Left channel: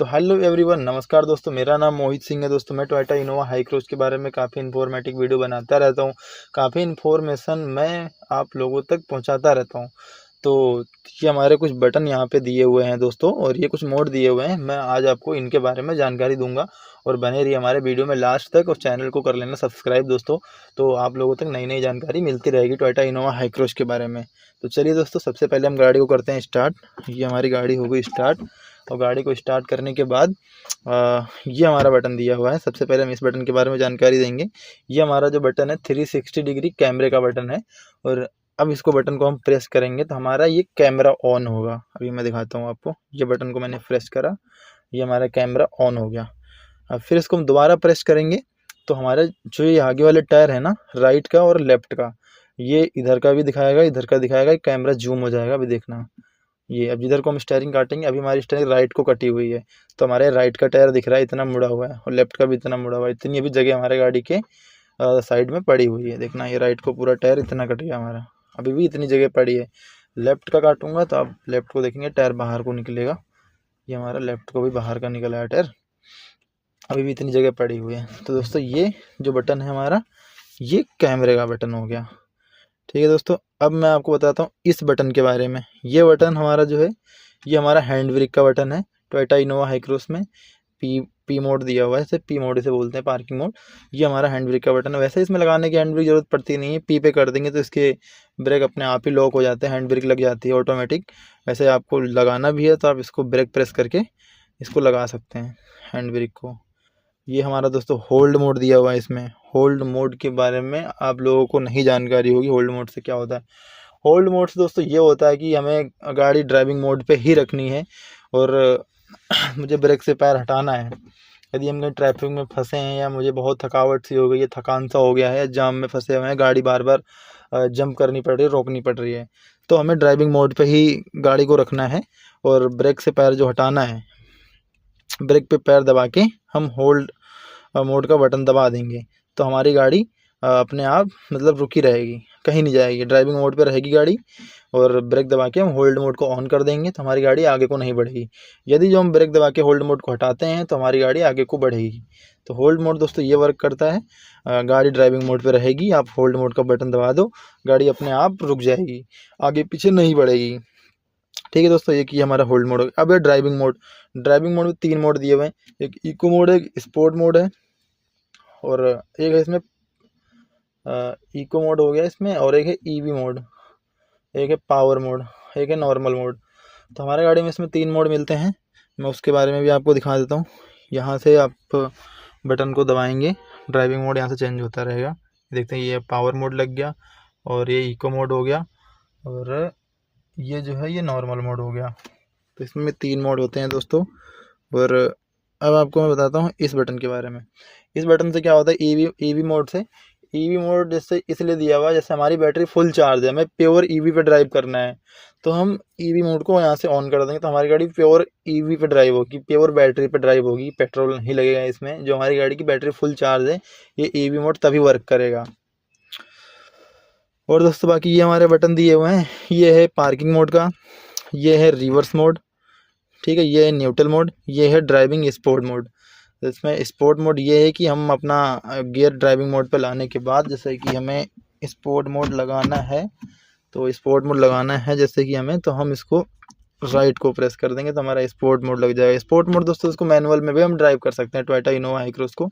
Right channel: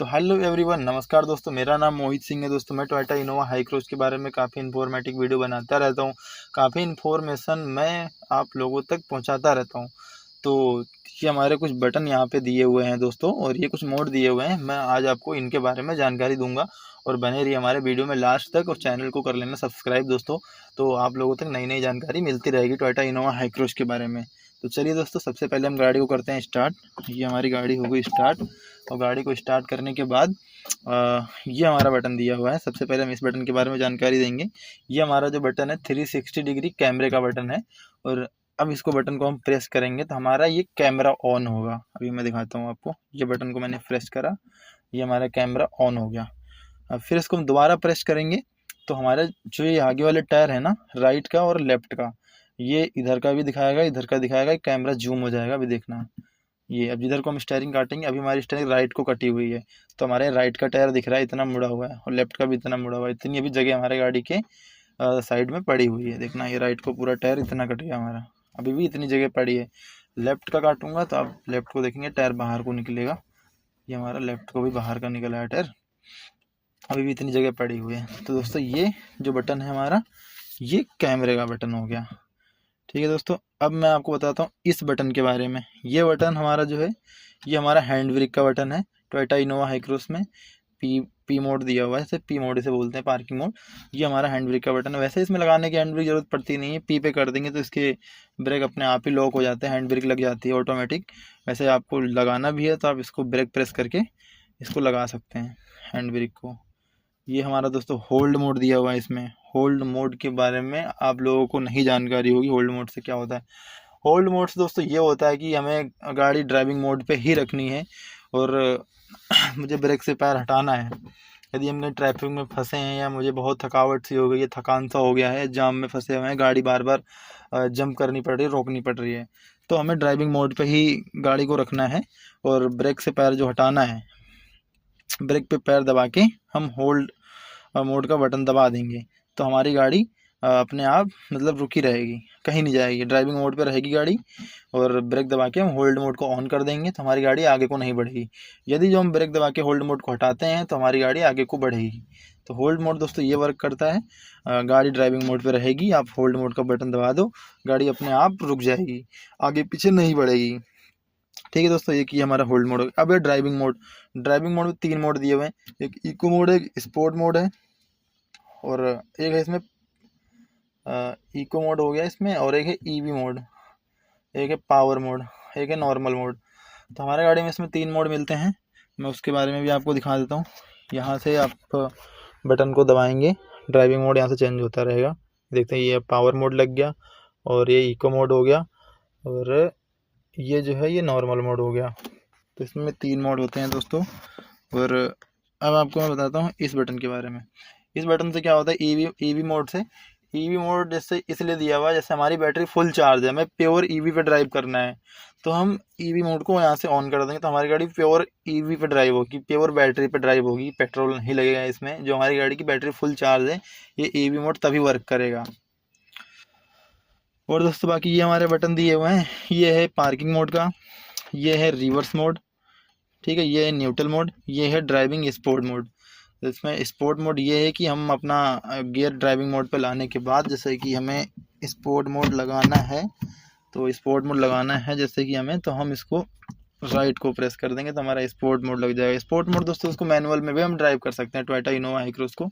तो hello everyone, नमस्कार दोस्तों। मेरा नाम मोहित सिंह है। दोस्तों मैं टोयोटा इनोवा हाई क्रूज के बारे में काफ़ी इन्फॉर्मेटिव वीडियो बनाता रहता हूँ। काफ़ी इन्फॉर्मेशन मैं आप लोगों तक पहुँचाता रहता हूँ। तो ये हमारे कुछ बटन यहाँ पे दिए हुए हैं दोस्तों, और ये कुछ मोड दिए हुए हैं। मैं आज आपको इनके बारे में जानकारी दूंगा, और बने रहिए हमारे वीडियो में लास्ट तक, और चैनल को कर लेना सब्सक्राइब दोस्तों। तो आप लोगों तक नई नई जानकारी मिलती रहेगी टोयोटा इनोवा हाई क्रूज के बारे में। तो चलिए दोस्तों, सबसे पहले हम गाड़ी को करते हैं स्टार्ट। ये हमारी गाड़ी हो गई स्टार्ट, और गाड़ी को स्टार्ट करने के बाद ये हमारा बटन दिया हुआ है। सबसे पहले हम इस बटन के बारे में जानकारी देंगे। ये हमारा जो बटन है 360 डिग्री कैमरे का बटन है, और अब इसको बटन को हम प्रेस करेंगे तो हमारा ये कैमरा ऑन होगा। अभी मैं दिखाता हूँ आपको। ये बटन को मैंने प्रेस करा, ये हमारा कैमरा ऑन हो गया। अब फिर इसको हम दोबारा प्रेस करेंगे तो हमारे जो ये आगे वाले टायर है ना, राइट का और लेफ्ट का, ये इधर का भी दिखाएगा, इधर का दिखाएगा। कैमरा जूम हो जाएगा, अभी देखना। ये अब जिधर को हम स्टेयरिंग काटेंगे, अभी हमारी स्टेयरिंग राइट को कटी हुई है, तो हमारे राइट का टायर दिख रहा है इतना मुड़ा हुआ है, और लेफ्ट का भी इतना मुड़ा हुआ है। इतनी अभी जगह हमारे गाड़ी के साइड में पड़ी हुई है। देखना, ये राइट को पूरा टायर इतना कट गया हमारा, अभी भी इतनी जगह पड़ी है। लेफ्ट का काटूंगा तो आप लेफ्ट को देखेंगे, टायर बाहर को निकलेगा। ये हमारा लेफ्ट को भी बाहर का निकला है टायर, अभी भी इतनी जगह पड़ी हुई है। तो दोस्तों ये जो बटन है हमारा, ये कैमरे का बटन हो गया। ठीक है दोस्तों, अब मैं आपको बताता हूँ इस बटन के बारे में। ये बटन हमारा जो है, ये हमारा हैंड ब्रेक का बटन है। टोयोटा इनोवा हाई क्रूज में पी मोड दिया हुआ है, इसे पी मोड इसे बोलते हैं, पार्किंग मोड। ये हमारा हैंड ब्रेक का बटन है। वैसे इसमें लगाने की हैंड ब्रेक जरूरत पड़ती नहीं है, पी पे कर देंगे तो इसके ब्रेक अपने आप ही लॉक हो जाते हैं, हैंड ब्रेक लग जाती है ऑटोमेटिक। वैसे आपको लगाना भी है तो आप इसको ब्रेक प्रेस करके इसको लगा सकते हैं, हैंड ब्रेक को। ये हमारा दोस्तों होल्ड मोड दिया हुआ है। इसमें होल्ड मोड के बारे में आप लोगों को नहीं जानकारी होगी। होल्ड मोड से क्या होता है? होल्ड मोड से दोस्तों ये होता है कि हमें गाड़ी ड्राइविंग मोड पे ही रखनी है, और मुझे ब्रेक से पैर हटाना है। यदि हम कहीं ट्रैफिक में फंसे हैं, या मुझे बहुत थकावट सी हो गई है, थकान सा हो गया है, जाम में फंसे हुए हैं, गाड़ी बार बार जंप करनी पड़ रही है, रोकनी पड़ रही है, तो हमें ड्राइविंग मोड पे ही गाड़ी को रखना है, और ब्रेक से पैर जो हटाना है, ब्रेक पे पैर दबा के हम होल्ड मोड का बटन दबा देंगे तो हमारी गाड़ी अपने आप मतलब रुकी रहेगी, कहीं नहीं जाएगी, ड्राइविंग मोड पे रहेगी गाड़ी। और ब्रेक दबा के हम होल्ड मोड को ऑन कर देंगे तो हमारी गाड़ी आगे को नहीं बढ़ेगी। यदि जो हम ब्रेक दबा के होल्ड मोड को हटाते हैं तो हमारी गाड़ी आगे को बढ़ेगी। तो होल्ड मोड दोस्तों ये वर्क करता है, गाड़ी ड्राइविंग मोड पे रहेगी, आप होल्ड मोड का बटन दबा दो, गाड़ी अपने आप रुक जाएगी, आगे पीछे नहीं बढ़ेगी। ठीक है दोस्तों, ये कि हमारा होल्ड मोड। अब है ड्राइविंग मोड। ड्राइविंग मोड में 3 मोड दिए हुए हैं, एक इको मोड है, एक स्पोर्ट मोड है, और एक है इसमें इको मोड हो गया इसमें, और एक है ईवी मोड, एक है पावर मोड, एक है नॉर्मल मोड। तो हमारे गाड़ी में इसमें 3 मोड मिलते हैं। मैं उसके बारे में भी आपको दिखा देता हूँ। यहाँ से आप बटन को दबाएंगे, ड्राइविंग मोड यहाँ से चेंज होता रहेगा। देखते हैं, ये पावर मोड लग गया, और ये इको मोड हो गया, और ये जो है ये नॉर्मल मोड हो गया। तो इसमें 3 मोड होते हैं दोस्तों। और अब आपको मैं बताता हूँ इस बटन के बारे में। इस बटन से क्या होता है, ईवी मोड से, ईवी मोड जैसे इसलिए दिया हुआ है, जैसे हमारी बैटरी फुल चार्ज है, हमें प्योर ईवी पे ड्राइव करना है, तो हम ईवी मोड को यहाँ से ऑन कर देंगे तो हमारी गाड़ी प्योर ईवी पे ड्राइव होगी, प्योर बैटरी पे ड्राइव होगी, पेट्रोल नहीं लगेगा इसमें। जो हमारी गाड़ी की बैटरी फुल चार्ज है, ये ईवी मोड तभी वर्क करेगा। और दोस्तों बाकी ये हमारे बटन दिए हुए हैं, ये है पार्किंग मोड का, ये है रिवर्स मोड, ठीक है, ये है न्यूट्रल मोड, ये है ड्राइविंग स्पोर्ट मोड। तो इसमें स्पोर्ट मोड ये है कि हम अपना गियर ड्राइविंग मोड पे लाने के बाद, जैसे कि हमें स्पोर्ट मोड लगाना है, तो स्पोर्ट मोड लगाना है जैसे कि हमें, तो हम इसको राइट को प्रेस कर देंगे तो हमारा स्पोर्ट मोड लग जाएगा। स्पोर्ट मोड दोस्तों इसको मैनुअल में भी हम ड्राइव कर सकते हैं। टोयोटा इनोवा हाई क्रूज को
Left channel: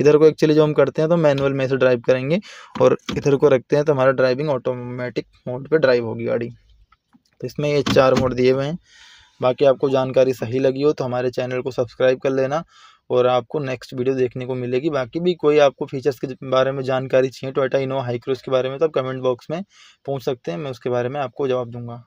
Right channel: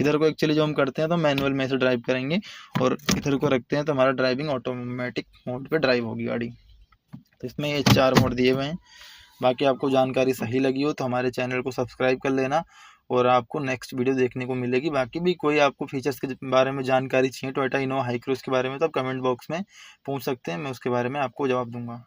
इधर को एक्चुअली जो हम करते हैं तो मैनुअल में से ड्राइव करेंगे, और इधर को रखते हैं तो हमारा ड्राइविंग ऑटोमेटिक मोड पे ड्राइव होगी गाड़ी। तो इसमें ये 4 मोड दिए हुए हैं। बाकी आपको जानकारी सही लगी हो तो हमारे चैनल को सब्सक्राइब कर लेना, और आपको नेक्स्ट वीडियो देखने को मिलेगी। बाकी भी कोई आपको फीचर्स के बारे में जानकारी चाहिए टोयोटा इनोवा हाई क्रूज के बारे में, तो आप कमेंट बॉक्स में पूछ सकते हैं, मैं उसके बारे में आपको जवाब दूंगा।